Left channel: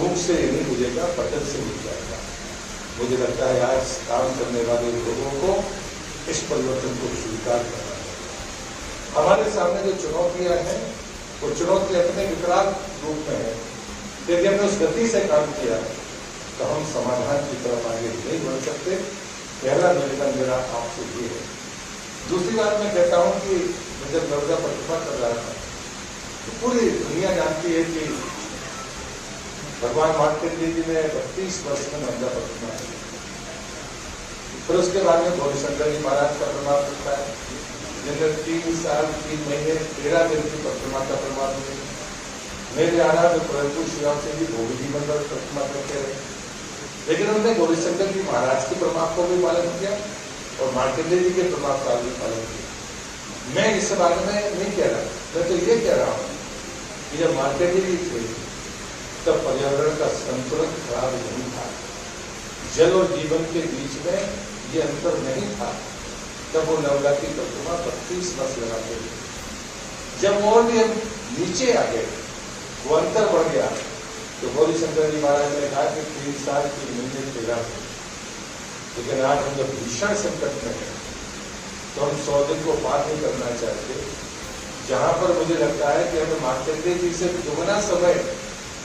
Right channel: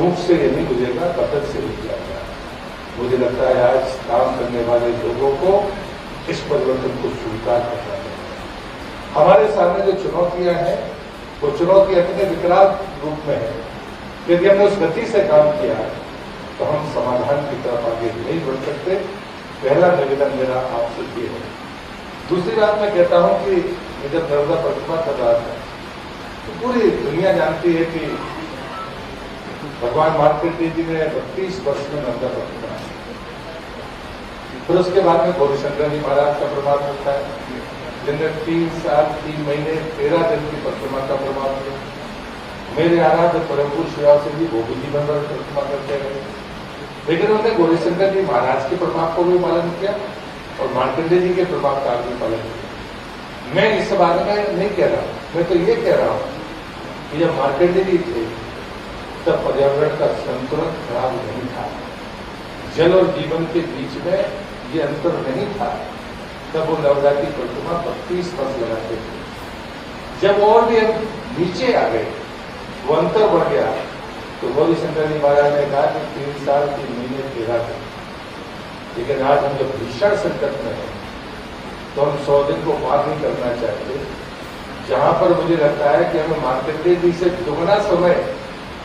फूंक से ये नहीं बुझेगा, पतन से बुझ जाएगा। मुझे लगता है आज काम करने वाले लोगों को इस परिवर्तन को स्वीकार करना चाहिए। हमारे सामने जो चुनौतियां हैं वो चुनौती अपने विकराल रूप में है। यदि हमने उस गति से काम किया तो हम समाधान की तरफ आगे नहीं बढ़ सकते। पहला निवेदन मेरा आपसे ये है। दूसरी बात मैं कहता हूं कि मैं जब नर्मदा परिक्रमा कर रहा था तो पूरी दुनिया जानती है कि भगवान मार्कंडेय जी ने 32 वर्ष में नर्मदा परिक्रमा की। फिर उसके बाद में गौरीशंकर जी महाराज का प्रभाव होता है, जिनने 3 साल 3 महीने 13 दिन की परिक्रमा का प्रभाव किया। मेरे आराध्य प्रभु शिव से जी वो भी जीवन भर परिक्रमा करते रहे, लेकिन उन्होंने गौरीशंकर जी महाराज के प्रभाव को भी पालन किया और मार्कंडेय जी के प्रभाव का भी पालन किया। मैं इस बारे में नहीं कह रहा, मैं तो ये कह रहा हूं कि जब मार्कंडेय जी थे तब पर्यावरण का संतुलन खराब नहीं था, जल और जीवन के बीच में ये अंतर नहीं था। तब वो नर्मदा की परिक्रमा 32 वर्ष लगाते थे। जब और भी हम नीचे आ गए, वो अंतर बढ़ गया, तो गौरीशंकर जी महाराज ने कहा कि 3 साल 3 महीने 13 दिन। लेकिन आज हम जब भीषण संकट में हैं तो हम 100 दिन को पार नहीं करना चाहते। जहां पर मुझे लगता है कि हमें मार्कंडेय जी से दुगना समय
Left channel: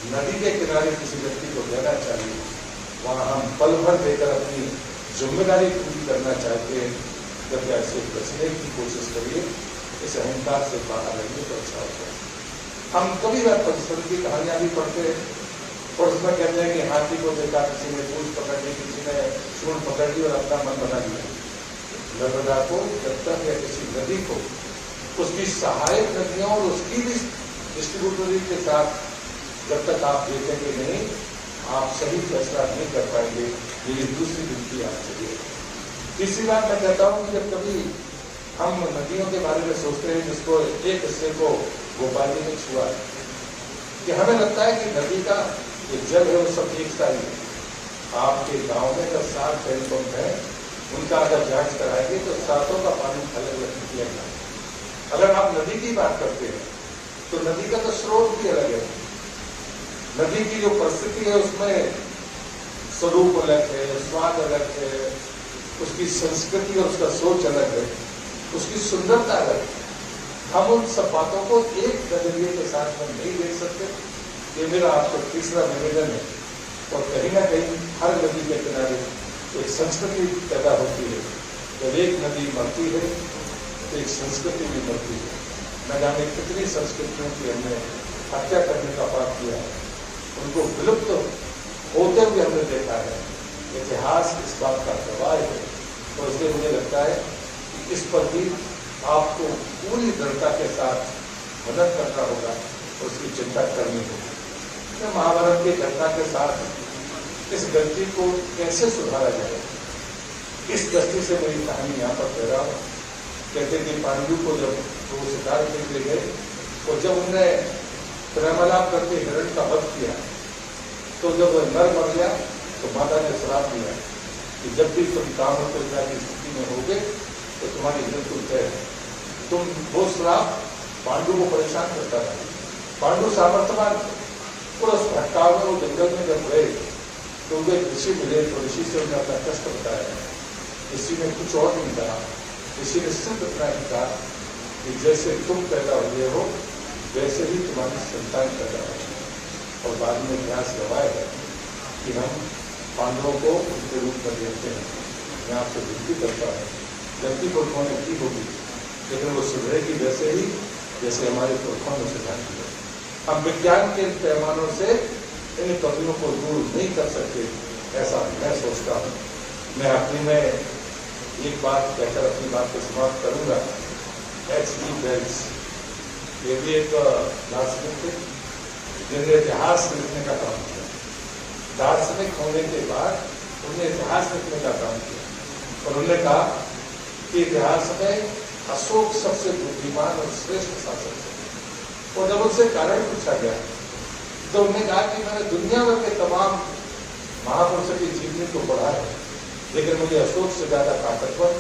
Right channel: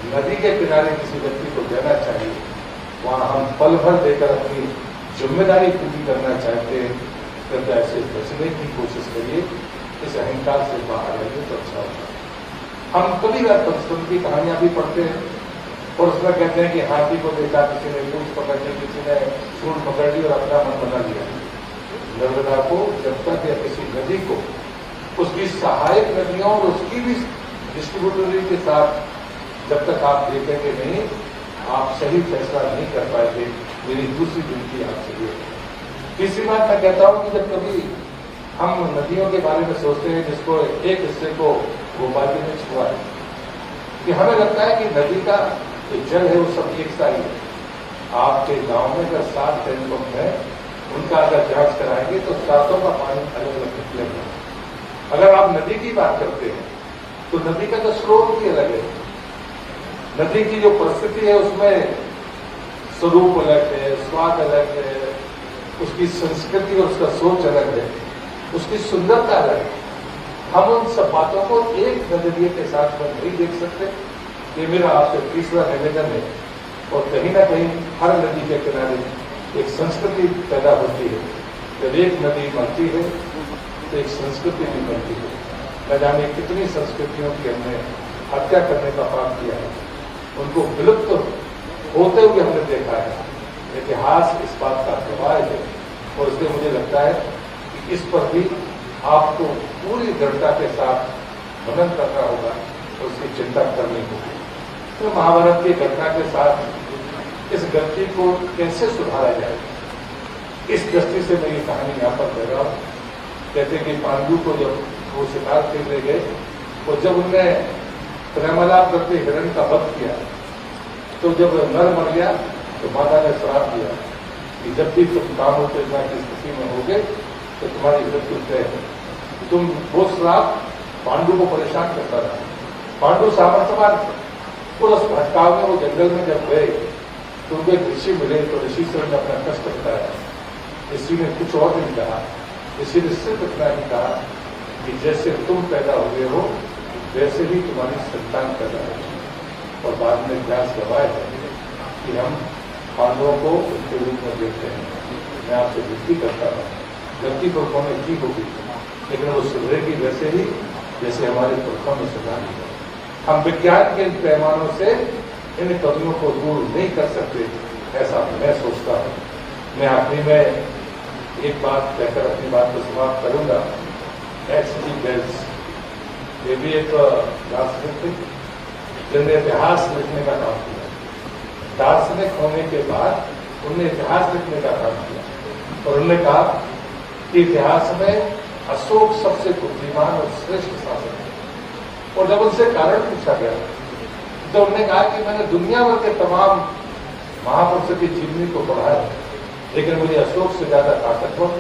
नदी के किनारे किसी व्यक्ति को देना चाहिए, वहां हम पल भर देकर अपनी जिम्मेदारी पूरी करना चाहते हैं। तो ऐसे बचने की कोशिश करिए, इस अहंकार से बाहर आइए तो अच्छा होगा। हम कभी बार परिश्रम की कहानियां भी पढ़ते हैं और उसमें कहते हैं कि हाथी को देखा किसी ने, पूंछ पकड़ ली किसी ने, सूंड पकड़ ली और अपना मन बना लिया। नर्मदा को जब तक या किसी नदी को उसकी सहायक नदियों और उसकी भी डिस्ट्रीब्यूटरी के साथ जब तक आप देखेंगे नहीं, आप सही फैसला नहीं कर पाएंगे। मेरी दूसरी विनती आपसे ये है। तीसरी बात मैं कहता हूं कि जब कभी हम नदियों के बारे में सोचते हैं, जिसको एक हिस्से को गोपाल जी ने छुआ है, कि हमें लगता है कि नदी का जो जल है वो सब एक सा ही है। आपके गांव में अगर 7 हैंडपंप है, उनका अगर जांच कराएंगे तो 7 का पानी अलग अलग निकलेगा। अगर आप नदी की बात करते हैं तो नदी का तो स्रोत भी अलग है। नदी की जो परिस्थिति है उसमें स्वरूप अलग है, स्वाद अलग है, उसकी संस्कृति और उसका सोच अलग है, उसकी सुंदरता अलग है। हम उन सब बातों को एक नजरिए के साथ में नहीं देख सकते। ये मेरा आपसे तीसरा निवेदन है। और कहीं ना कहीं हर नदी के किनारे एक संस्कृति पैदा होती है। जब एक नदी मरती है तो एक संस्कृति भी बनती है। न जाने कितनी संस्कृतियों की हमने हत्या करने का पाप किया है, उनको विलुप्त होते हुए हमने देखा है। इतिहास इस बात का गवाह है और इसलिए मुझे लगता है कि इस पर भी आपको पूरी दृढ़ता के साथ मनन करना होगा और उसकी चिंता करनी होगी। तो महाभारत की घटना के साथ इस गलती को कैसे सुधारा जाए, इस दृष्टि से मैं ये कहानी यहाँ पर कह रहा हूँ। कहते कि पांडु को जब वो शिकार खेलने गए और जब उनने प्रेमालाप करके हिरण का वध किया, तो जब नर मर गया तो माता ने श्राप दिया कि जब भी तुम काम उत्तेजना की स्थिति में होगे तो तुम्हारी मृत्यु तय है। तुम वो श्राप पांडु को परेशान करता रहा। पांडु सामर्थ्यवान और उस भटकाव में वो जंगल में जब गए तो उनको एक ऋषि मिले, तो ऋषि से उन्होंने अपना कष्ट बताया। ऋषि ने कुछ और नहीं कहा, ऋषि ने सिर्फ इतना ही कहा कि जैसे तुम पैदा हुए हो वैसे ही तुम्हारी संतान पैदा होगी। और बाद में इतिहास गवाह है कि हम पांडवों को उनके रूप में देखते हैं। मैं आपसे विनती करता हूँ, गलती पुरखों ने की होगी लेकिन वो सुधरेगी वैसे ही जैसे हमारे पुरखों ने सुधारी है। हम विज्ञान के पैमानों से इन कमियों को दूर नहीं कर सकते, ऐसा मैं सोचता हूँ। मैं आखिरी में एक बात कहकर अपनी बात को समाप्त करूंगा। H.G. वेल्स, ये भी एक दार्शनिक थे जिन्होंने इतिहास लिखने का काम किया। दार्शनिक होने के बाद उन्होंने इतिहास लिखने का काम किया और उन्होंने कहा कि इतिहास में अशोक सबसे बुद्धिमान और श्रेष्ठ शासक है। और जब उनसे कारण पूछा गया तो उन्होंने कहा कि मैंने दुनिया भर के तमाम महापुरुषों की जीवनी को पढ़ा है, लेकिन मुझे अशोक से ज्यादा ताकतवर,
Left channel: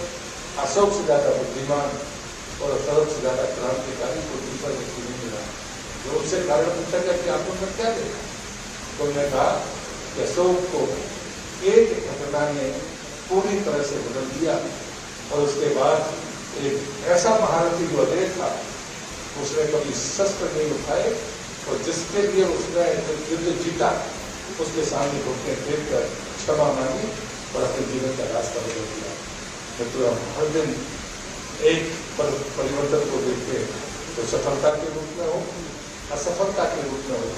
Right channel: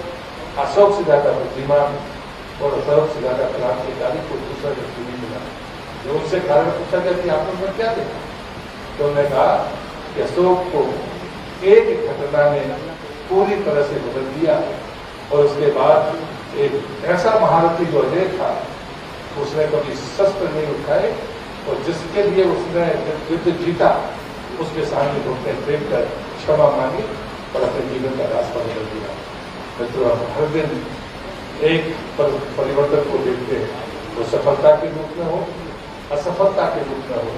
अशोक से ज्यादा बुद्धिमान और अशोक से ज्यादा क्रांतिकारी को दूसरा व्यक्ति नहीं मिला। जो उनसे कारण पूछा गया कि आप उनमें क्या देखा, तो उन्होंने कहा कि अशोक को एक घटना ने पूरी तरह से बदल दिया और उसके बाद एक ऐसा महारथी जो अजय था, उसने कभी शस्त्र नहीं उठाए और जिसके लिए उसने युद्ध जीता उसके सामने घुटने फेंक कर क्षमा मांगी और अपने जीवन का रास्ता बदल दिया। मित्रों, हम हर दिन एक परिवर्तन को देखते हैं, वो सफलता के रूप में हो, असफलता के रूप में हो,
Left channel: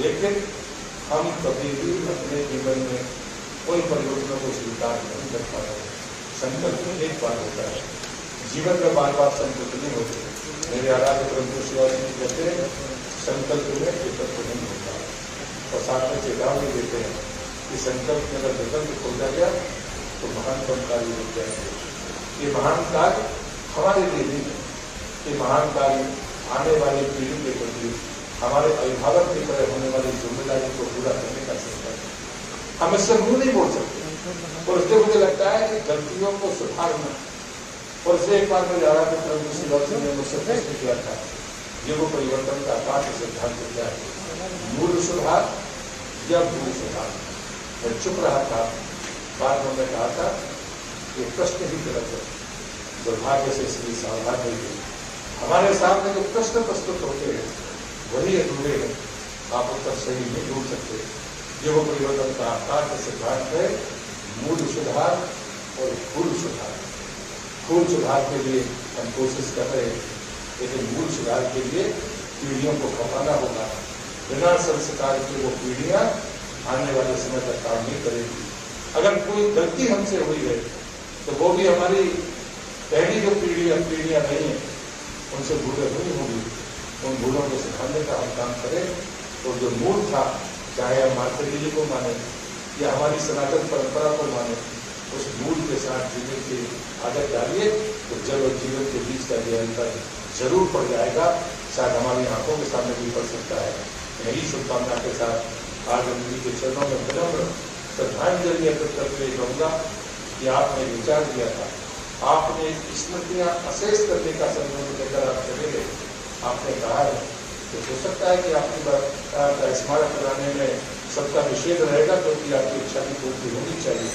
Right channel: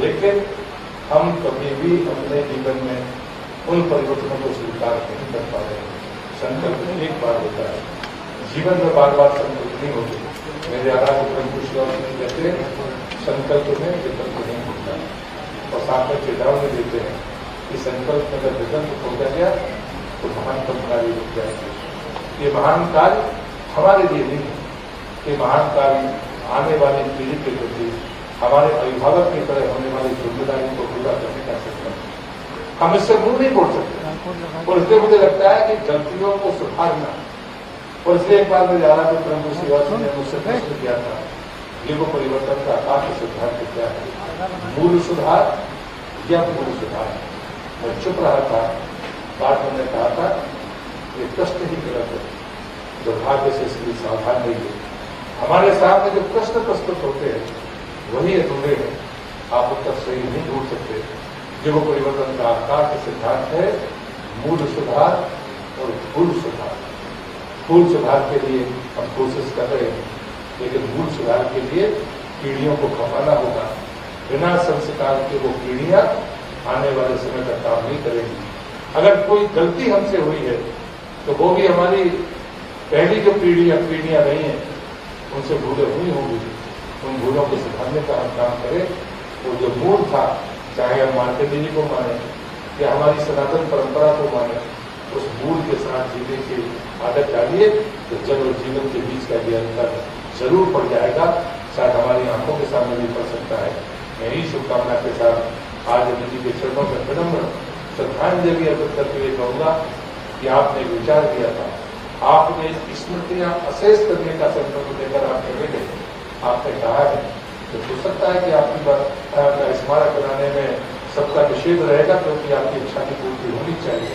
लेकिन हम कभी भी अपने जीवन में उन परिवर्तनों को स्वीकार नहीं कर पा रहे। संकल्प एक बार होता है, जीवन में बार बार संकल्प नहीं होते। मेरे आराध्य परम कुशल कहते हैं संकल्प में विकल्प नहीं होता, और साथ में चेतावनी देते हैं कि संकल्प में अगर विकल्प हो गया तो महानतम कार्य रुक जाएंगे। ये महान कार्य हमारे लिए नहीं है, ये महान कार्य आने वाली पीढ़ी के प्रति हमारे अभिभावक की तरह होने वाली जिम्मेदारी को पूरा करने का संकल्प है। हम इससे मुंह नहीं बोल सकते, और इसलिए मुझे लगता है कि गलतियों को सुधारना। और इसलिए एक बार मेरे आराध्य परम शिवाजी ने मुझसे प्रश्न किया था, ये वो परिवर्तन का आकाश सिद्धांत क्या है, मूल सुधार या मूल सुधार? मैं चुप रहा था। बात हमने कहा था ये प्रश्न ही गलत है, दुर्भाग्य से इसलिए सावधान नहीं हुई। हमारे सामने जो प्रश्न प्रस्तुत होते हैं वही अधूरे हैं, आप उत्तर सही नहीं ढूंढ सकते। जो वो परिवर्तन का आकाश सिद्धांत है, मूल सुधार और फूल सुधार। फूल सुधार के लिए हम कोशिश कर रहे हैं, लेकिन मूल सुधार के लिए पीढ़ियों को खपाना होगा। बिना संस्कार के वो पीढ़ियां आने वाले समय तक काम नहीं करेंगी। अगर कोई गलती हमसे हुई है तो वो भी हमारी पहली जो पीढ़ियां नहीं है उनसे भूलें हुई होंगी, उन भूलों को सुधारने का हम काम करें। और जो मूल था, चाहे हम मार्केट जी को माने या हमारी सनातन परंपरा को माने, उस मूल के साथ जीने की आदत डालिए तो जल और जीवन के बीच का ये अंतर जरूर पड़ जाएगा, शायद हमारी आंखों के सामने भी पड़ सकता है। मैं ही शुभकामना के साथ आज उन्हीं के चरणों में विनम्र श्रद्धांजलि अर्पित करके ये कहूँगा कि आपने विचार किया था, आपने स्मृतियां अशेष करने का संकल्प लेकर आप चले गए। आपने कहा है कि हो सकता है कि आपकी बात का स्मारक बनाने में सबका निषेध रहेगा, क्योंकि आपकी इच्छा की पूर्ति होनी चाहिए,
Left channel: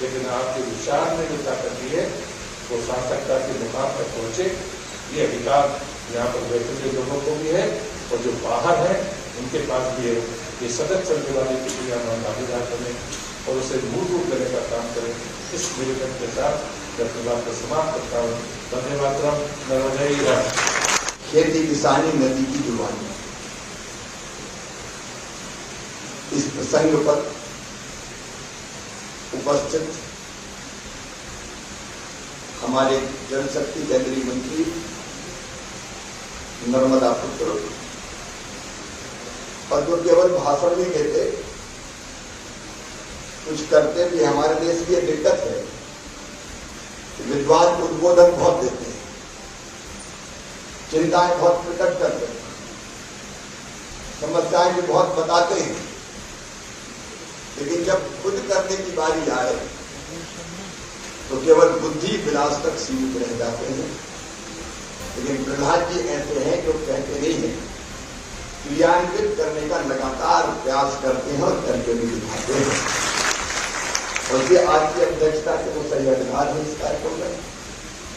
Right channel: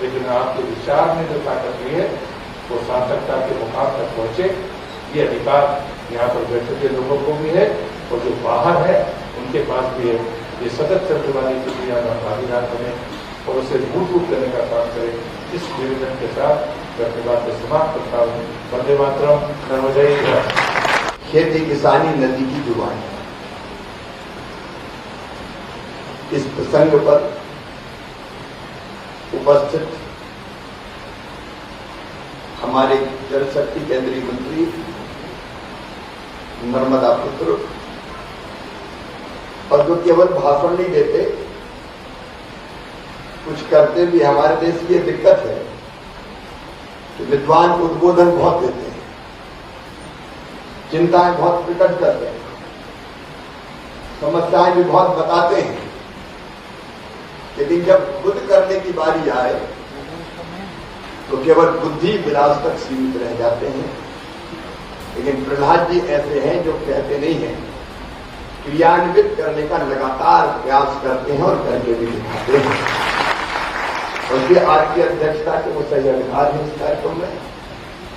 लेकिन आपके विचार ने जो ताकत दी है वो सार्थकता के मुकाम तक पहुंचे। ये अधिकार यहाँ पर बैठे हुए लोगों को भी है और जो बाहर है उनके पास भी है। ये सतत चलने वाली प्रक्रिया में भागीदार बने और उसे मूल रूप देने का काम करें। इस निवेदन के साथ मैं अपनी बात को समाप्त करता हूँ। वंदे मातरम, नर्मदे। खेती किसानी नदी की जुबान। इस प्रसंग पर उपस्थित हमारे जल शक्ति केंद्रीय मंत्री नर्मदा पुत्र, और जो केवल भाषण नहीं देते, कुछ करते भी। हमारे देश की दिक्कत है कि विद्वान उद्बोधन बहुत देते हैं, चिंताएं बहुत प्रकट करते हैं, समस्याएं भी बहुत बताते हैं, लेकिन जब खुद करने की बारी आए तो केवल बुद्धि विलास तक सीमित रह जाते हैं। लेकिन प्रहलाद जी ऐसे हैं जो कहते नहीं हैं, क्रियान्वित करने का लगातार प्रयास करते हैं और करके भी दिखाते हैं। और ये आज की अध्यक्षता के वो सही अधिकार है इस कार्यक्रम में।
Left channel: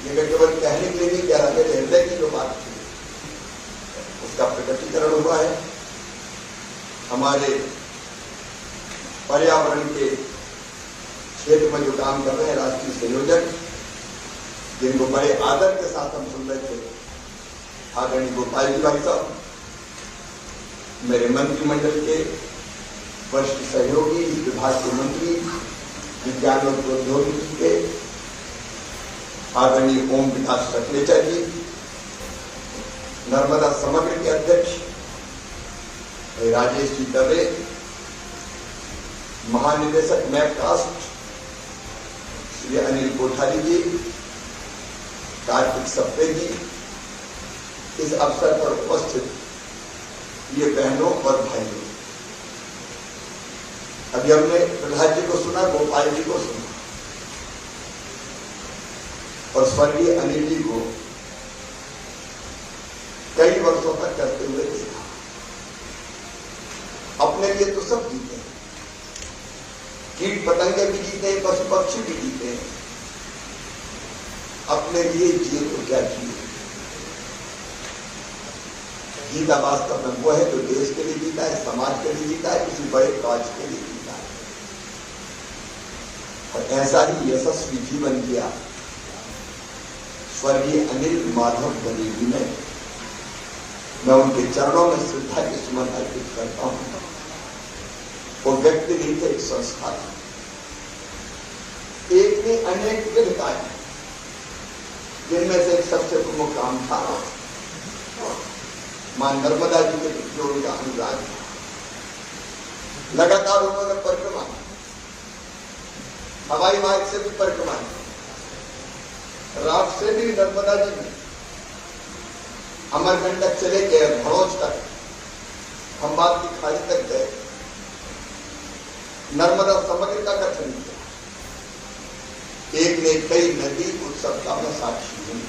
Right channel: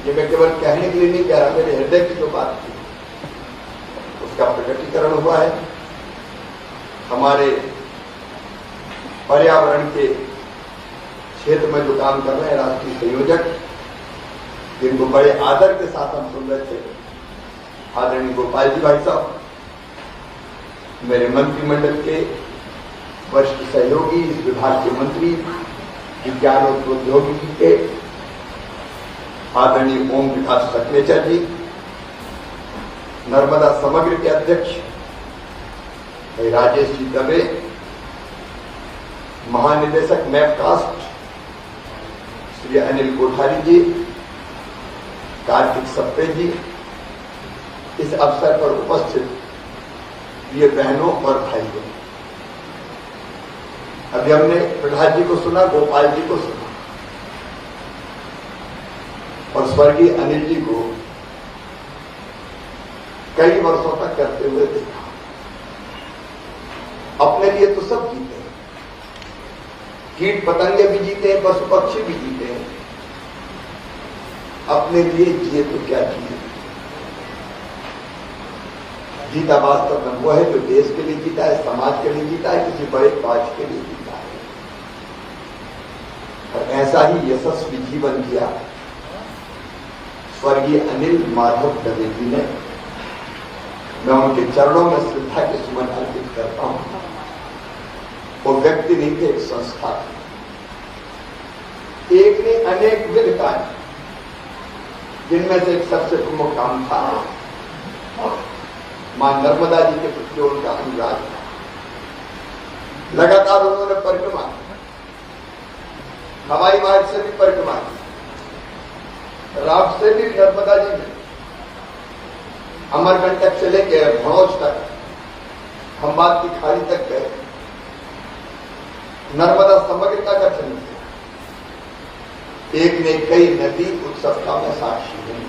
ये मैं केवल कहने के लिए नहीं कह रहा, मेरे हृदय की जो बात थी उसका प्रकटीकरण हुआ है। हमारे पर्यावरण के क्षेत्र में जो काम कर रहे हैं राष्ट्रीय संयोजक, जिनको बड़े आदर के साथ हम सुन रहे थे, आदरणीय गोपाल जी भाई साहब, मेरे मंत्रिमंडल के वरिष्ठ सहयोगी, इस विभाग के मंत्री, विज्ञान और प्रौद्योगिकी के आदरणीय ओम विकास सखलेचा जी, नर्मदा समग्र के अध्यक्ष राजेश जी दवे, महानिदेशक मैपकास्ट श्री अनिल कोठारी जी, कार्तिक सप्ते जी, इस अवसर पर उपस्थित ये बहनों और भाइयों। अभी हमने प्रहलाद जी को सुना, गोपाल जी को सुना, और स्वर्गीय अनिल जी को कई वर्षों तक करते हुए देखा। अपने लिए तो सब कीट पतंगे भी जीते हैं, पशु पक्षी भी जीते हैं। अपने लिए जिए तो क्या जिए। जीता वास्तव में वो है जो देश के लिए जीता है, समाज के लिए जीता है, किसी बड़े काज के लिए जीता है। और ऐसा ही यशस्वी जीवन दिया स्वर्गीय अनिल माधव दवे जी ने। मैं उनके चरणों में श्रद्धा के सुमन अर्पित करता हूं। वो व्यक्ति नहीं थे, एक संस्था थी। एक ने अनेक विध कार्य, जिनमें से एक सबसे प्रमुख काम था मां नर्मदा जी के प्रति उनका अनुराग था। लगातार उन्होंने परिक्रमा की, हवाई मार्ग से भी परिक्रमा की, रात से भी नर्मदा जी में अमरकंटक से लेकर भड़ोच तक, खंबात की खाड़ी तक गए। नर्मदा समग्र का दर्शन किया। एक ने कई नदी उत्सव का मैं साक्षी हूं।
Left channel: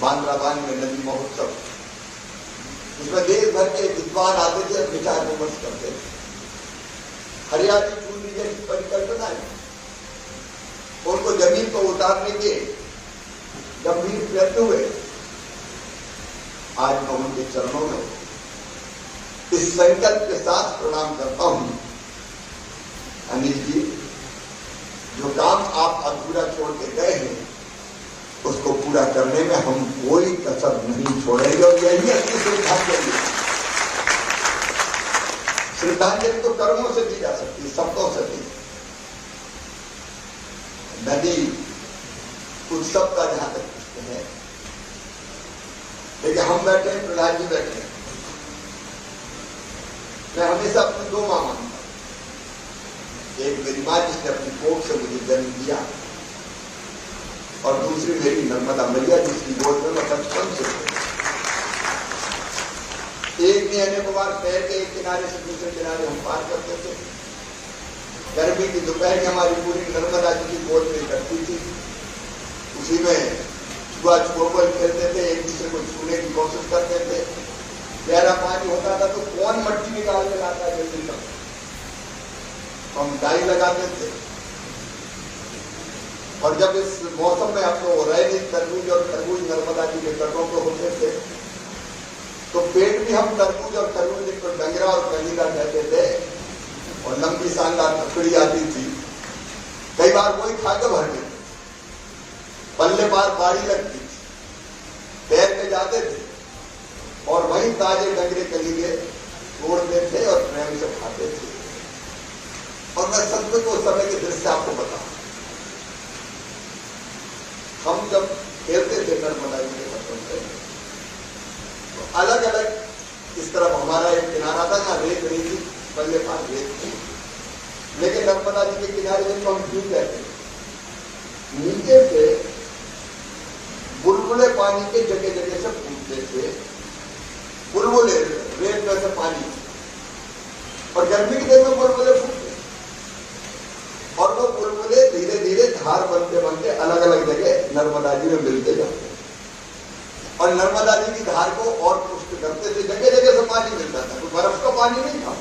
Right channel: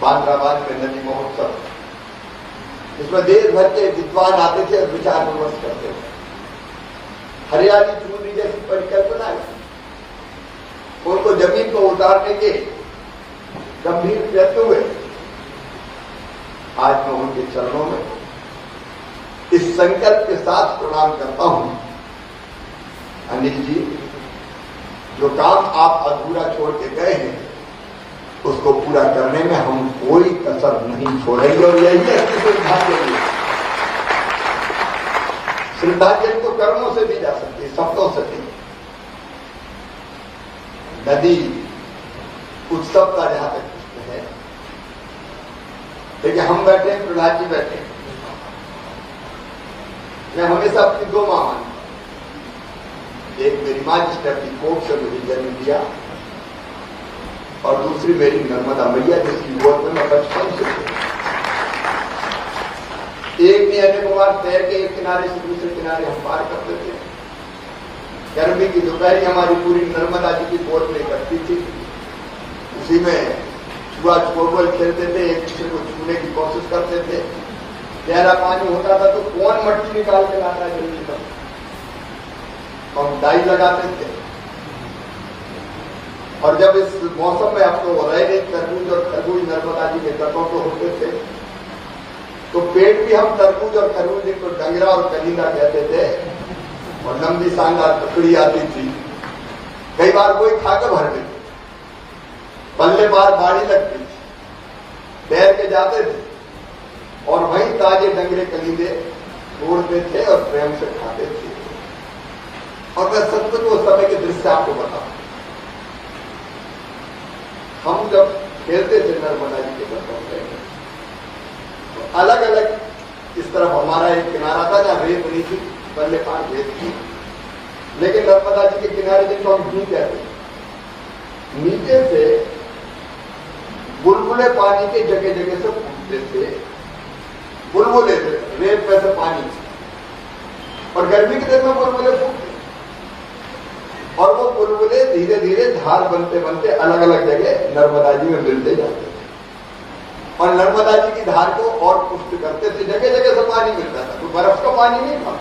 बांद्राबाद में नदी महोत्सव, इसमें देश भर के विद्वान आते थे और विचार विमर्श करते थे। हरियाली चूरनी जैसी परिकल्पना है, उनको जमीन को उतारने के गंभीर प्रयत्न हुए। आज मैं उनके चरणों में इस संकल्प के साथ प्रणाम करता हूं। अनिल जी, जो काम आप अधूरा छोड़ के गए हैं, उसको पूरा करने में हम कोई कसर नहीं छोड़ेंगे। और यही है श्रद्धांजलि। श्रद्धांजलि तो कर्मों से दी जा सकती है, शब्दों से नहीं। नदी उत्सव का जहां तक प्रश्न है, देखिए हम बैठे हैं, प्रहलाद जी बैठे हैं। मैं हमेशा अपनी दो मां मानता हूं। एक मेरी मां जिसने अपनी कोख से मुझे जन्म दिया, और दूसरी मेरी नर्मदा मैया जिसकी गोद में मैं बचपन से हूं। एक ने अनेक बार तैर के एक किनारे से दूसरे किनारे हम पार करते थे। गर्मी की दोपहरी हमारी पूरी नर्मदा जी की गोद में कटती थी। उसी में छुआ छुआ खेलते थे, एक दूसरे को छूने की कोशिश करते थे। गहरा पानी होता था तो कौन मट्टी निकाल के लाता है जल्दी तक, हम डाई लगाते थे। और जब इस मौसम में अब तो रहे नहीं, तरबूज और खरबूज नर्मदा जी के तटों पर होते थे, तो पेट भी हम तरबूज और खरबूज को डंगरा और कलीदा कहते थे। और लंबी शानदार ककड़ी आती थी, कई बार वही खा के भर लेते। पल्ले पार बाड़ी लगती थी, तैर के जाते थे और वहीं ताजे डंगरे कलीदे तोड़ते थे और प्रेम से खाते थे। और मैं सचमुच उस समय के दृश्य आपको बताऊं। हम जब खेलते थे नर्मदा जी के तटों पे, तो अलग अलग इस तरफ हमारा एक किनारा था जहां रेत नहीं थी, पल्ले पार रेत थी। लेकिन नर्मदा जी के किनारे जिनको हम क्यों कहते हैं, नीचे से बुलबुले पानी के जगह जगह से फूटते थे। बुलबुले रेत में से पानी, और गर्मी के दिन में बुलबुले फूटते, और वो बुलबुले धीरे धीरे धार बनते बनते अलग अलग जगह नर्मदा जी में मिलते जाते थे। और नर्मदा जी की धार को और पुष्ट करते थे। जगह जगह से पानी मिलता था, कोई बर्फ का पानी नहीं था।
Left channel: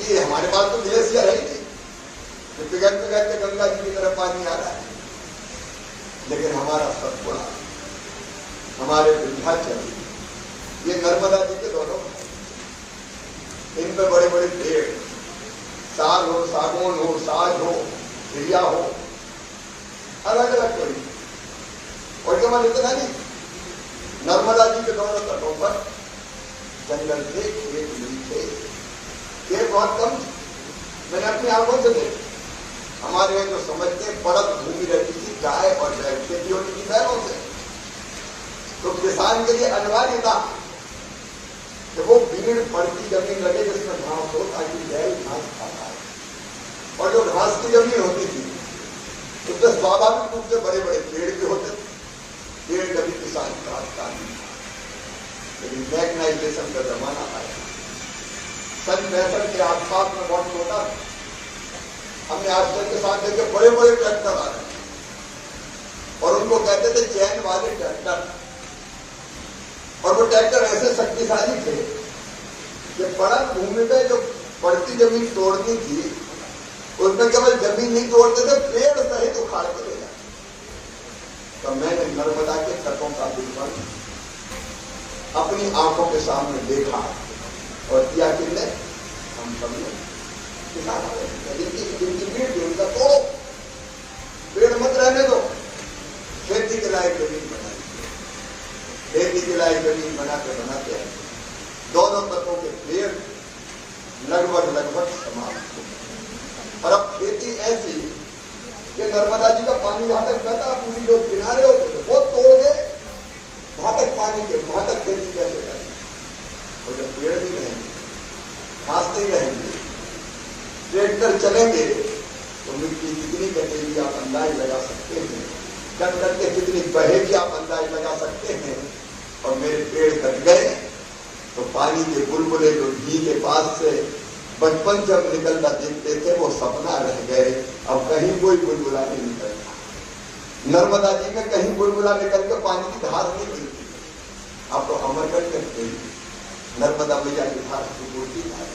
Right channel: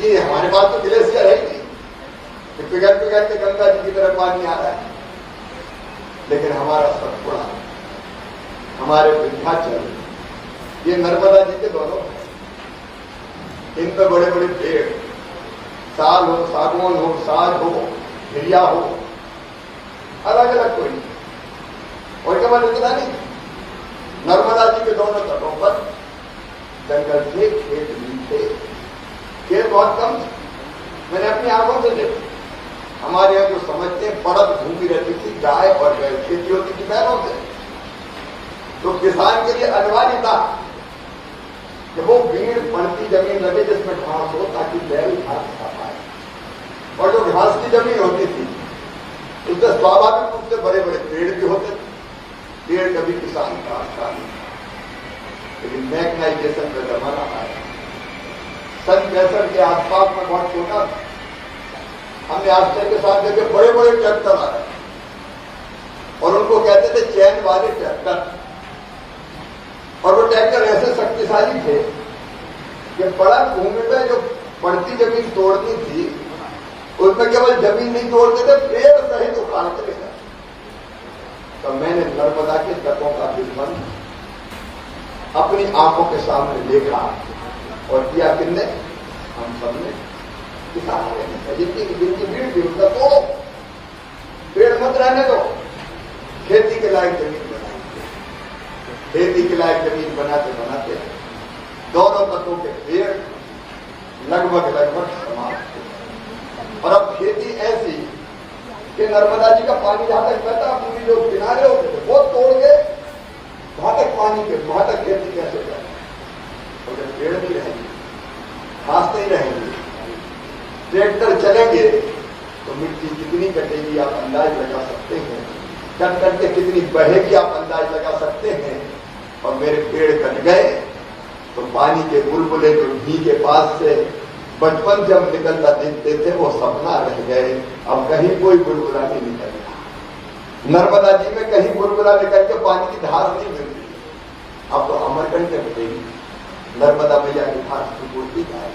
ये हमारे पास तो ग्लेशियर है ही नहीं, पिघल पिघल के गंगा जी की तरफ पानी आ रहा है। लेकिन हमारा सतपुड़ा, हमारे विंध्याचल, ये नर्मदा जी के दोनों है। इन पे बड़े बड़े पेड़, साल हो, सागौन हो, साग हो, घिरिया हो, अलग अलग कोई नहीं। और केवल इतना नहीं, नर्मदा जी के दोनों तटों पर जंगल थे, खेत नहीं थे। खेत बहुत कम थे, मैंने अपनी आंखों से देखा। हमारे यहाँ जो समझते हैं पड़त भूमि रहती थी, गाय और खेती होती थी बैलों से, तो किसान के लिए अनिवार्य था कि वो भीड़ पड़ती जमीन लगे जिसमें घास हो, ताकि बैल घास खा पाए। और जो घास की जमीन होती थी उसमें स्वाभाविक रूप से बड़े बड़े पेड़ भी होते थे। पेड़ कभी किसान काटता नहीं। लेकिन मैकेनाइजेशन का जमाना आया, सन 65 के आसपास में बहुत छोटा था। हमने आश्चर्य के साथ देखे बड़े बड़े ट्रैक्टर आ रहे, और उनको कहते थे चैन वाले ट्रैक्टर। और वो ट्रैक्टर ऐसे शक्तिशाली थे कि पड़त भूमि में जो पड़ती जमीन तोड़नी थी, उसमें केवल जमीन नहीं तोड़ते थे, पेड़ सहित उखाड़ के ले जाते। तो मैंने नर्मदा के तटों का विध्वंस अपनी आंखों के सामने देखा और किया किसने? हम सबने। किसान जिनकी भीड़ थी उसका तोड़ो, पेड़ मत रहने दो, खेती के लायक जमीन बनाएंगे। खेती के लायक जमीन बनाते बनाते दोनों तत्वों के पेड़ लगभग समाप्त हो। और अब खेती ऐसी कि नर्मदा जी का पानी जहां तक बहता, पूरी लोग किनारे होते थे, वो तोड़ गए, वहां तक पानी के, वहां तक खेती कैसे करें? और जब पेड़ नहीं रहेंगे, घास नहीं रहेंगे, ट्रैक्टर चलेंगे तो मिट्टी कितनी कटेगी आप अंदाज लगा सकते हैं। कट करके कितनी बहेगी आप अंदाज लगा सकते हैं। और मेरे पेड़ कट गए तो पानी के बुलबुले जो घी के पास से बचपन से हम निकलता देखते थे वो सपना रह गए। अब कहीं कोई बुलबुला नहीं निकलता। नर्मदा जी में कहीं बुलबुला निकल के पानी की धार नहीं मिलती। अब तो अमरकंटक पे नर्मदा मैया की धार पूर्ति है।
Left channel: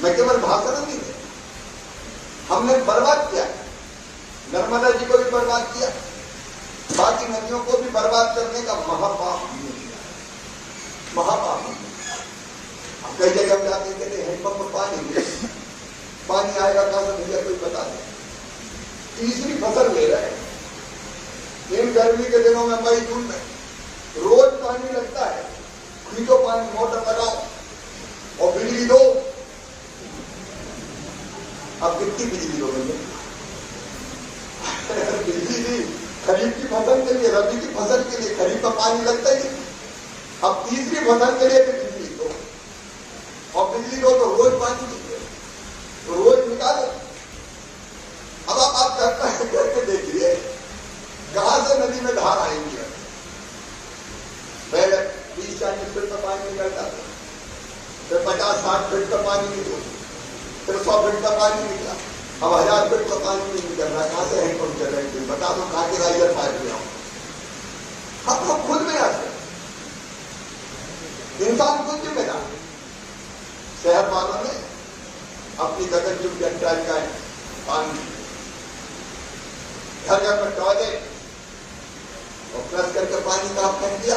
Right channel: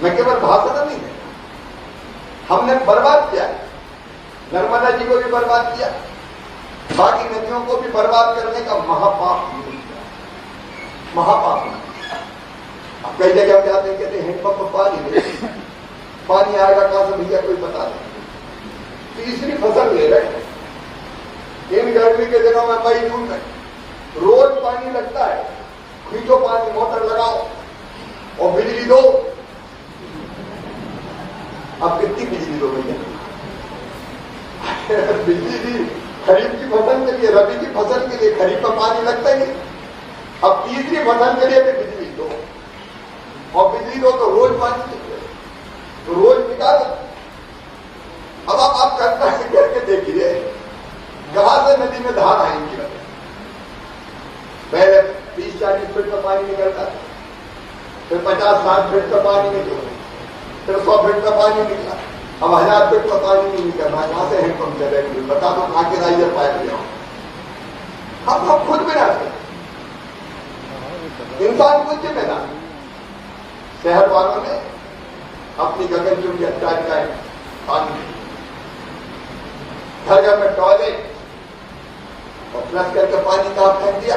मैं केवल भाषण नहीं है, हमने बर्बाद किया, नर्मदा जी को भी बर्बाद किया, बाकी नदियों को भी बर्बाद करने का महापाप हमने किया, महापाप। अब कई जगह हम जाते हैं, कहते हैं हैंडपंप में पानी आएगा कहां से भैया कोई बता दे। तीसरी फसल ले रहे हैं इन गर्मी के दिनों में, मई जून में रोज पानी लगता है। खींचो पानी, मोटर लगाओ और बिजली दो। अब कितनी बिजली दो भैया? बिजली दी खरीफ की फसल के लिए, रबी की फसल के लिए, खरीफ में पानी लगता ही नहीं। अब तीसरी फसल के लिए भी बिजली दो, और बिजली दो तो रोज पानी चाहिए, तो रोज निकालो। अब आप करके देखिए कहां से नदी में धार आएंगी। पहले 30-40 फीट का पानी निकलता था, फिर 50-60 फीट का पानी निकला, फिर 100 फीट का पानी निकला, अब 1000 फीट का पानी नहीं निकलना। कहां से हैंडपंप चलेंगे? बता दो कहां के राइजर पाइप ले आओ। हम खुद में आते, इंसान खुद जिम्मेदार। शहर वालों ने अपनी गगनचुंबी अट्टालिकाएं पानी, घर घर में टॉयलेट और फ्लश करके पानी का फेंक दिया।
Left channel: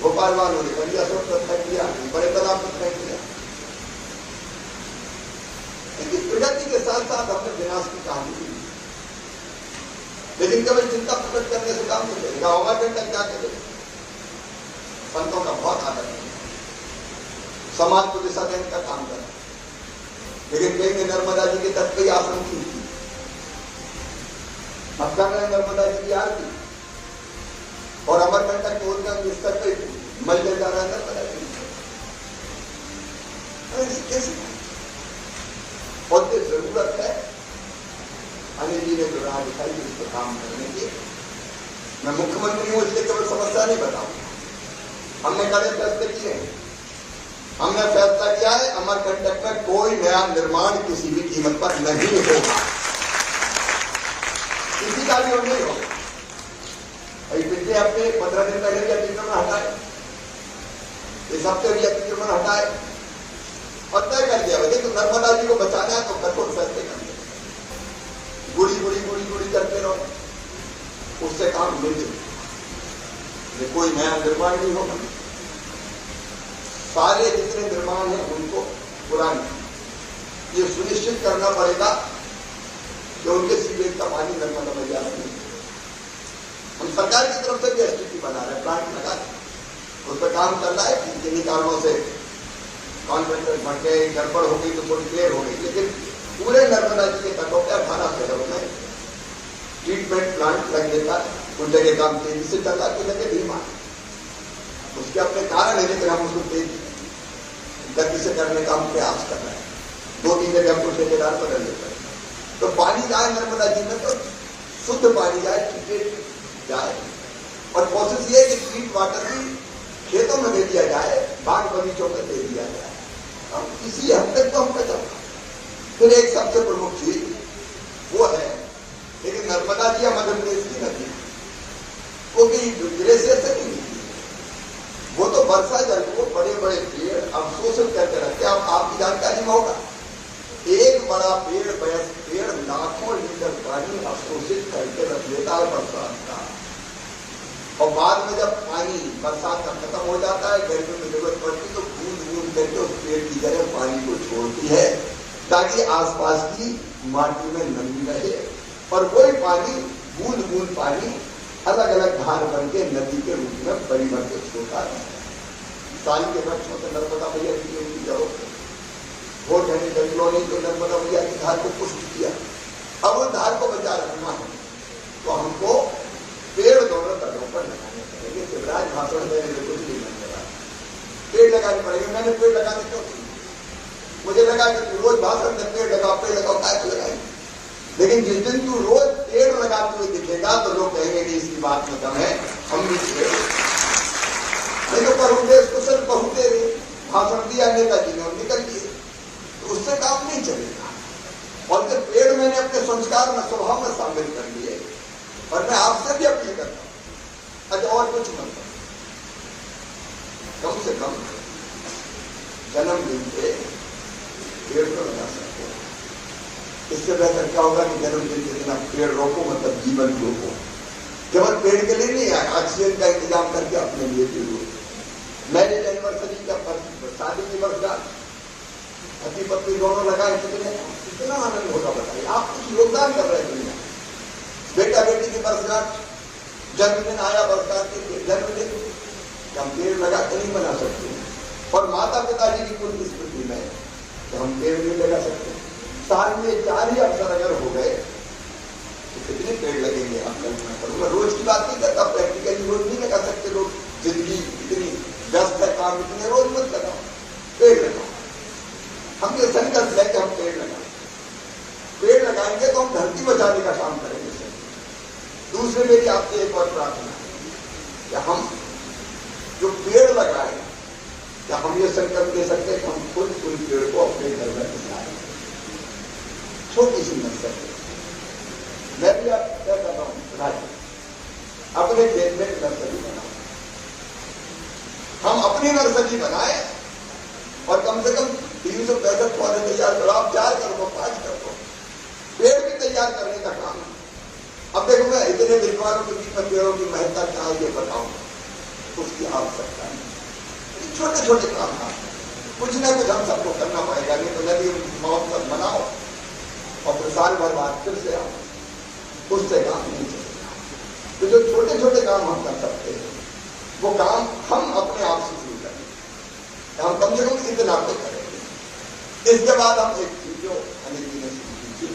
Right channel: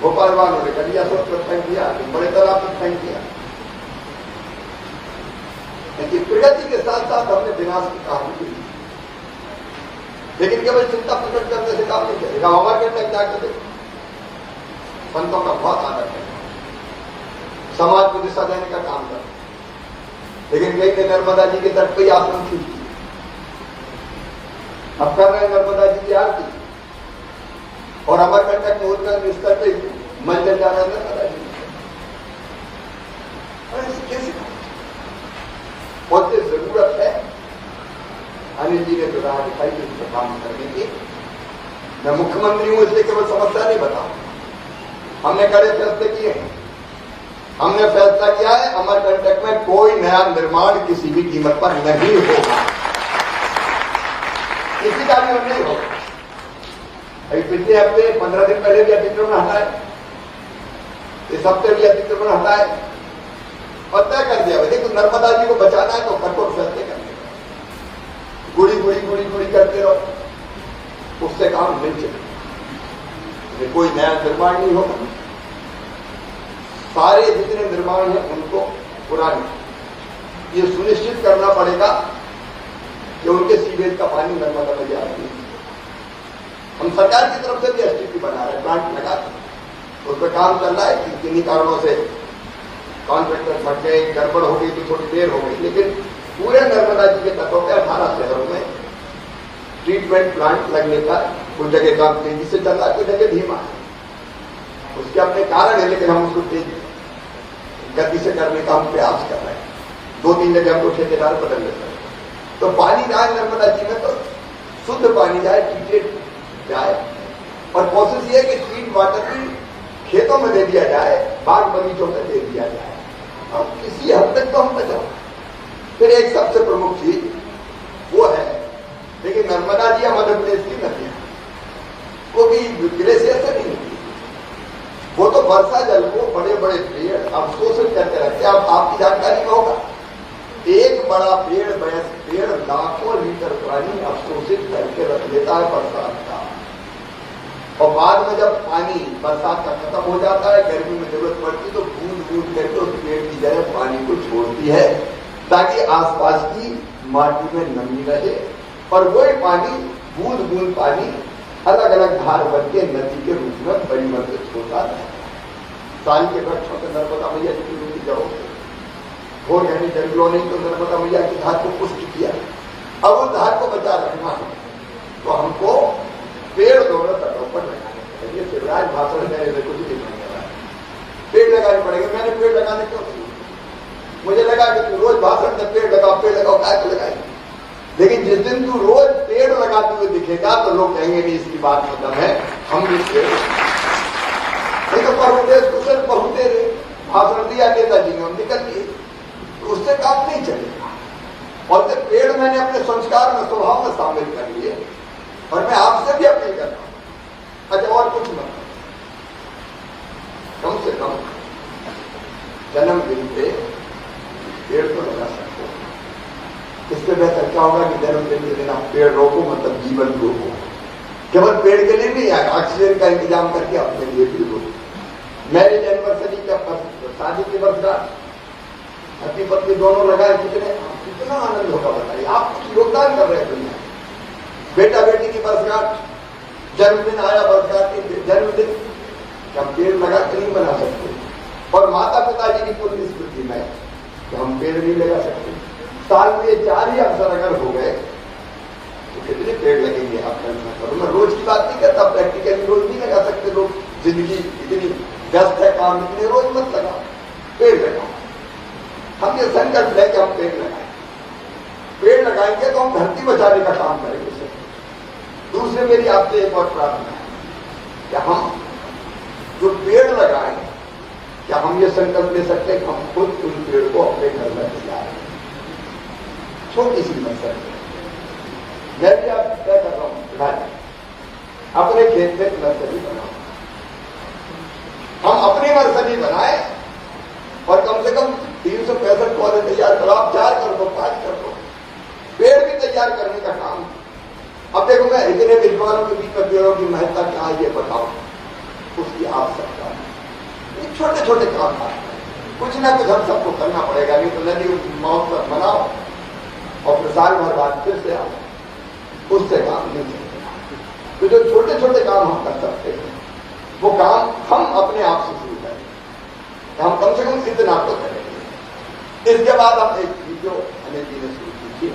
भोपाल वालों ने गलिया सोच पर फेंक दिया, बड़े तालाब पर फेंक दिया। लेकिन प्रगति के साथ साथ हमने विनाश की कहानी की। लेकिन केवल चिंता प्रकट करने से काम नहीं चलेगा। हमारे तक जाकर संतों का बहुत आदर है, समाज को दिशा देने का काम कर। लेकिन कई ने नर्मदा जी के तट पर आश्रम की, अब कर रहे नर्मदा जी की आरती, और अमरकंटक में उनका निस्तर पे मल जा रहा है नर्मदा जी। कैसे बहुत जरूरत है। अनिल जी ने जो राह दिखाई इस पर काम करने की। मैं मुख्यमंत्री हूं इसलिए केवल समस्या नहीं बताऊं, हमने कड़े फैसले किए हैं। हमने फैसला किया है अमरकंटक में कोई नया निर्माण किसी भी कीमत पर नहीं होगा, किसी का भी नहीं होगा। पिछले हफ्ते 15 दिन पहले भी अतिक्रमण हटाए, इस हफ्ते भी अतिक्रमण हटाए और तय कर दिया। भाई तो नर्मदा जी को बचाना है तो कठोर फैसले करने, गुड़ी करते रहो, उससे काम नहीं चलेगा। कोई नया निर्माण नहीं होगा, सारे जितने निर्माण हैं उनको पुराने ये सुनिश्चित करना पड़ेगा कि उनके सीवेज का पानी नर्मदा में जा रही है। हम सरकार की तरफ से भी एसटीपी बना रहे हैं, प्लांट लगा उस पर काम चल रहा है। किन्हीं कारणों से कॉन्ट्रैक्टर बढ़ गए, गड़बड़ हो गई तो थोड़ी देर हो गई, लेकिन पूरे नर्मदा जी के तटों के 18 शहरों में ट्रीटमेंट प्लांट लगने का कुछ जगह काम तेजी से चल रहा है, कुछ जगह धीमा है। उसके अपने कारण है, लेकिन हम उसको तेज गति से करने का हम प्रयास कर रहे हैं। 2-3 जगह हमको ठेकेदार बदल देते हैं। तो पानी जाए नर्मदा जी में तो शुद्ध पानी जाए, ट्रीटेड जाए, और कोशिश ये कि ट्रीट वाटर भी खेतों में दे दिया जाए, बाग बगीचों में दे दिया जाए। अब किसी हद तक तो हम बचाओ। फिर एक सबसे प्रमुख चीज वो है, लेकिन नर्मदा जी या मध्य प्रदेश की नदी वो भी ग्लेशियर से नहीं निकली, वो तो वर्षा जल को बड़े पेड़ अवशोषित करके रखते हैं। अब आपकी जानकारी में होगा, एक बड़ा पेड़ देता है बरसात का, और बाद में जब पानी बरसात का खत्म हो जाता है, गर्मी में जरूरत पड़ती तो बूंद बूंद करके उस पेड़ की जगह पानी को छोड़ती है ताकि आसपास की माटी में नमी रहे, और वही पानी बूंद बूंद पानी अलग अलग धार बन के नदी के रूप में परिवर्तित होता है। साल के वृक्षों से नर्मदा मैया की उनकी जड़ों से घोर घने जंगलों ने तो नर्मदा मैया की धार को पुष्ट किया। अब उस धार को बचा रखना है तो हमको पेड़ दोनों तटों पर लगाने पड़ेंगे। शिवराज भाषण देने से कुछ नहीं होने वाला, पेड़ लगाने पड़ेंगे। मैंने पेड़ लगाने क्यों नहीं, मुझे लगा कि तू रोज भाषण दे पेड़ लगाओ क्या लगाएंगे, लेकिन जिस दिन तू रोज पेड़ लगाते हुए दिखेगा तो लोग कहेंगे कि इसकी बात में दम है, हम भी पेड़ नहीं तो पहुंचे कुशल पहुंचे भाषण दिया नेताजी ने, हम निकल लिए, तो उससे काम नहीं चलेगा। और फिर पेड़ मैंने अपने संस्कार में स्वभाव में शामिल कर लिए, और मैं आपसे भी अपील करता हूं, अच्छा और कुछ मत कम से कम जन्मदिन पे पेड़ तो लगा सकते हो। इससे बेहतर क्या होगा कि जन्मदिन के दिन आप पेड़ रोको, मतलब जीवन रोको। केवल पेड़ के लिए नहीं, ऑक्सीजन का इंतजाम करके अपने लिए भी रोको। मैरिज एनिवर्सरी का शादी की वर्षगांठ, पति पत्नी दोनों लगाए, कितना आनंद होगा बताइए। आप कुछ योगदान कर रहे हैं दुनिया। बेटा बेटी की वर्षगांठ, जन्मदिन आया, वर्षगांठ की जन्मदिन, हम पेड़ लगा के नहीं बना सकते। और माता पिताजी की पुण्य स्मृति में तो हम पेड़ नहीं लगा सकते। साल में 4 ही अवसर अगर हो गए तो कितने पेड़ लगेंगे आप कल्पना करो। मैं रोज की बात नहीं करता, प्रैक्टिकली रोज नहीं लगा सकते लोग, जिंदगी इतनी व्यस्त है, काम इतने, रोज मत लगाओ, पेड़ लगाओ। हम ये संकल्प है कि हम पेड़ लगाएं, पेड़ लगाएंगे तो हम धरती बचाने का काम करेंगे। दूसरे मेरी आपसे एक और प्रार्थना है कि हम जो पेड़ लगाएं, क्या हम ये संकल्प ले सकते हैं कि हम खुद उन पेड़ को अपने घर में लगाएं। छोटी सी नर्सरी मैं भी आप क्या कर रहा हूं, अपने खेत में नर्सरी बनाओ। हम अपनी नर्सरी बनाए और कम से कम 365 पौधे तैयार करो। आप 4 कर दो, 5 कर दो, पेड़ भी तैयार करने का काम। अब देखो मैं इतने विद्वानों के बीच में पेड़ों की महत्ता क्या है ये बताओ, उसकी आवश्यकता है। छोटे छोटे काम कुछ ना कुछ हम सबको करना पड़ेगा, नहीं तो नदी महोत्सव मनाओ और फिर साल भर बाद फिर से आओ, उससे काम नहीं चलेगा। तो जो छोटे छोटे काम हम कर सकते हैं वो काम हम अपने आप से शुरू करें, हम कम से कम इतना तो करेंगे। इसके बाद हम एक वीडियो हमें जीने शुरू कीजिए,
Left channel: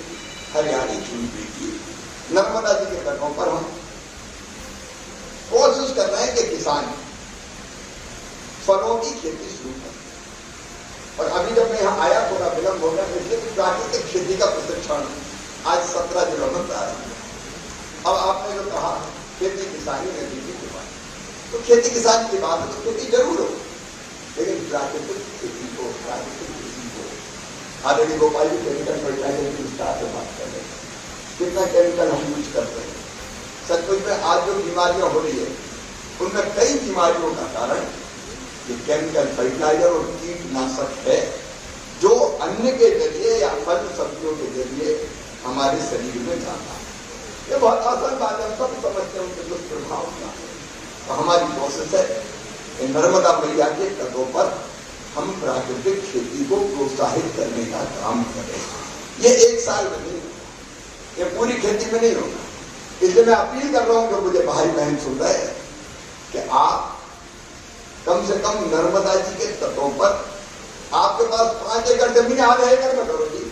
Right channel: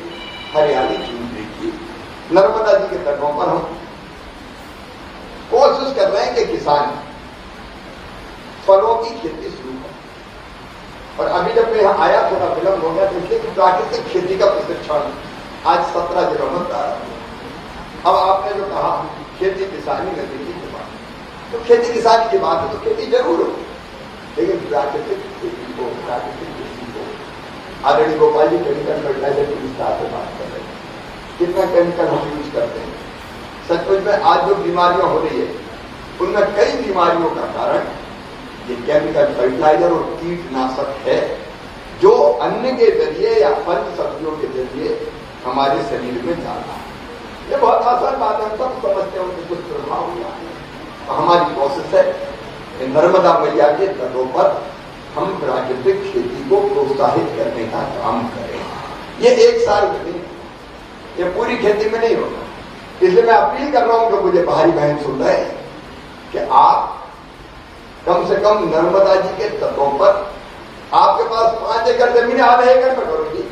हरियाली चुनरी की नर्मदा जी के तटों पर हम कोशिश कर रहे हैं कि किसान फलों की खेती शुरू करें। और अभी जब मैं यहां आया थोड़ा विलंब हो गया, इसलिए कि प्राकृतिक खेती का प्रशिक्षण आज 17 जिलों में प्रारंभ हुआ। अब आपने जो कहा खेती किसानी गतिविधि की बात, तो खेती किसानी की बात है तो खेती जरूर हो, लेकिन प्राकृतिक खेती को, प्राकृतिक खेती को आदरणीय गोपाल जी केमिकल फर्टिलाइजर के विस्तार से बात कर रहे हैं। कितना केमिकल हम यूज करते हैं। सचमुच में आज जो बीमारियां हो रही है उनमें कई बीमारियों का कारण ये केमिकल फर्टिलाइजर और कीटनाशक है, जो अन्न के जरिए या फल सब्जियों के जरिए हमारे शरीर में जाता है। ये बहुत आसान बात है, हम सब समझते हैं उनके दुष्प्रभाव क्या है। तो हमारी कोशिश है कि नर्मदा मैया के तटों पर हम प्राकृतिक खेती को प्रोत्साहित करने का काम करें। ये 1 साल में नहीं, ये पूरी खेती में नहीं होगा। इसलिए मैं अपील कर रहा हूं कि मुझे भाई बहन सुन रहे हैं कि आप कम से कम नर्मदा जी के तटों पर, आपके पास 5 एकड़ जमीन, आधे एकड़ में करो जी,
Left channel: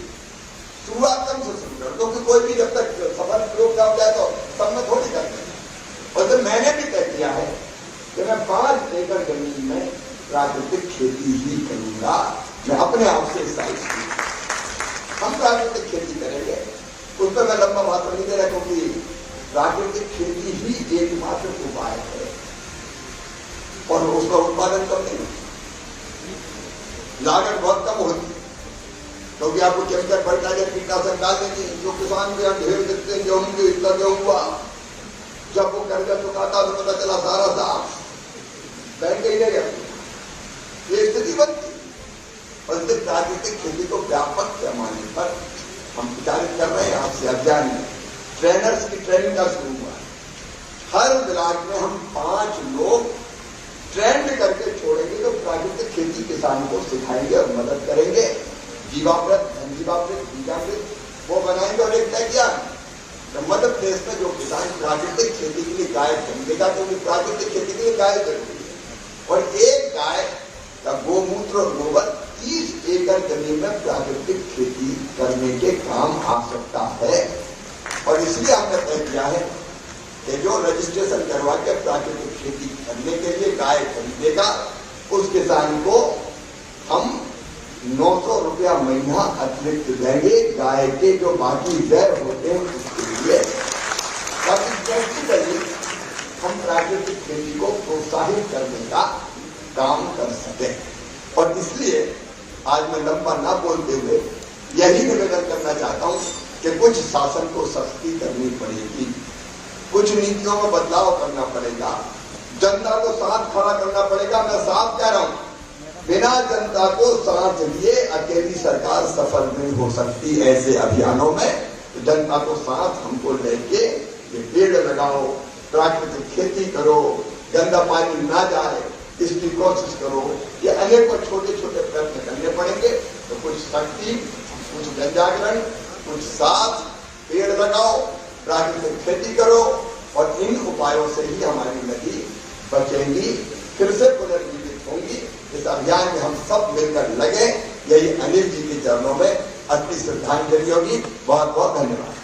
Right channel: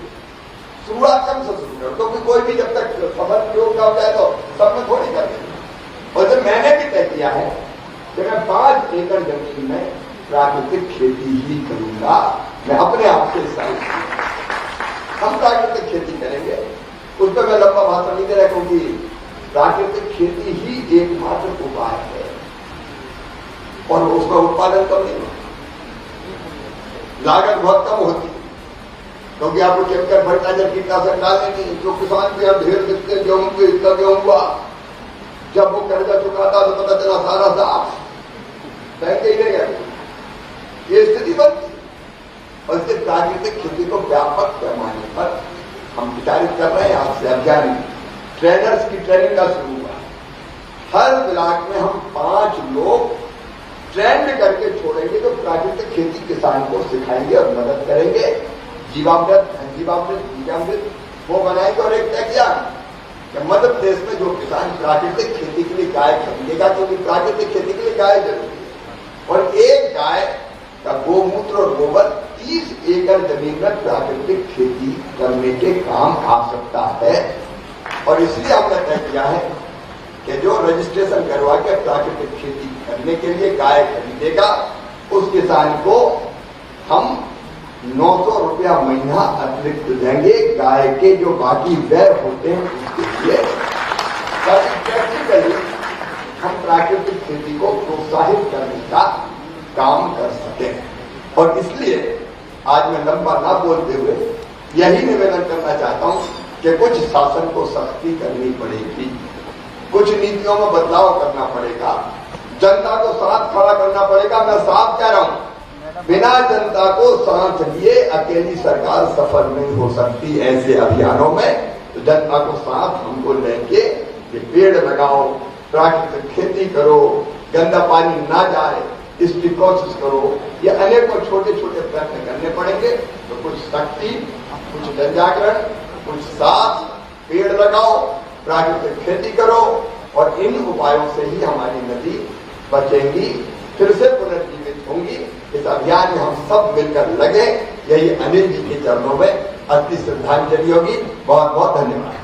शुरुआत कम से शुरू करो, क्योंकि कोई भी जब तक सफल प्रयोग हो जाए तो सब में थोड़ी कर देंगे। और तो मैंने भी तय किया है कि मैं 5 एकड़ जमीन में प्राकृतिक खेती ही करूंगा। मैं अपने आप से साइज हम प्राकृतिक खेती करेंगे, उस पर मैं लंबा भाषण नहीं दे रहा, क्योंकि प्राकृतिक खेती ही एकमात्र उपाय है और उसका उत्पादन कम नहीं होता, लागत बहुत कम होती है, क्योंकि आपको केमिकल फर्टिलाइजर कीटनाशक डालने की, जो किसान के ढेर कितने गेहूं के इतना गेहूं हुआ, जब वो कर्जा चुकाता तो पता चला सारा साफ बैंक ही रह गया। ये स्थिति बनती और इससे प्राकृतिक खेती को व्यापक पैमाने पर हम विचारित कर रहे हैं। आज से अभियान ट्रेनर्स की ट्रेनिंग का शुरू हुआ, हर ब्लॉक में हम 5 लोग ट्रेंड करके छोड़ेंगे जो प्राकृतिक खेती किसान को सिखाएंगे और मदद करेंगे। जीवामृत, धनजीवामृत, बीजामृत वो बनाएंगे। और एक तय किया कि मध्य प्रदेश में जो किसान प्राकृतिक खेती के लिए गाय खरीदेगा, क्योंकि प्राकृतिक खेती के लिए गाय जरूरी है, और एक गाय का गोमूत्र और गोबर 30 एकड़ जमीन में प्राकृतिक खेती करने के काम आ सकता है। और इसलिए हमने तय किया है कि जो रजिस्ट्रेशन करवा के प्राकृतिक खेती करने के लिए गाय खरीदेगा, उस किसान को हम 900 रुपया महीना अतिरिक्त देंगे गाय के जो बाकी व्यय होते हैं उसके लिए, ताकि प्रैक्टिकली हम प्राकृतिक खेती को प्रोत्साहित करने का काम कर सकें। और इसलिए आज मैं लंबा ना बोलते हुए यही निवेदन करना चाहता हूं कि कुछ शासन को सख्ती करनी पड़ेगी, कुछ नीतियों में बदलाव करना पड़ेगा, जनता को साथ खड़ा करना पड़ेगा। मैं साफ कह रहा हूं, बिना जनता को साथ लिए अकेली सरकार सफल नहीं हो सकती ऐसे अभियानों में। तो जनता को साथ हमको लेके ये पेड़ लगाओ, प्राकृतिक खेती करो, गंदा पानी ना जाए इसकी कोशिश करो, ये अनेकों छोटे छोटे प्रयत्न करने पड़ेंगे। तो कुछ शक्ति, कुछ जनजागरण, कुछ साथ, पेड़ लगाओ, प्राकृतिक खेती करो, और इन उपायों से ही हमारी नदी बचेंगी, फिर से पुनर्जीवित होंगी। इस अभियान में हम सब मिलकर लगे, यही अनिल जी के चरणों में अपनी श्रद्धांजलि होगी। बहुत बहुत धन्यवाद।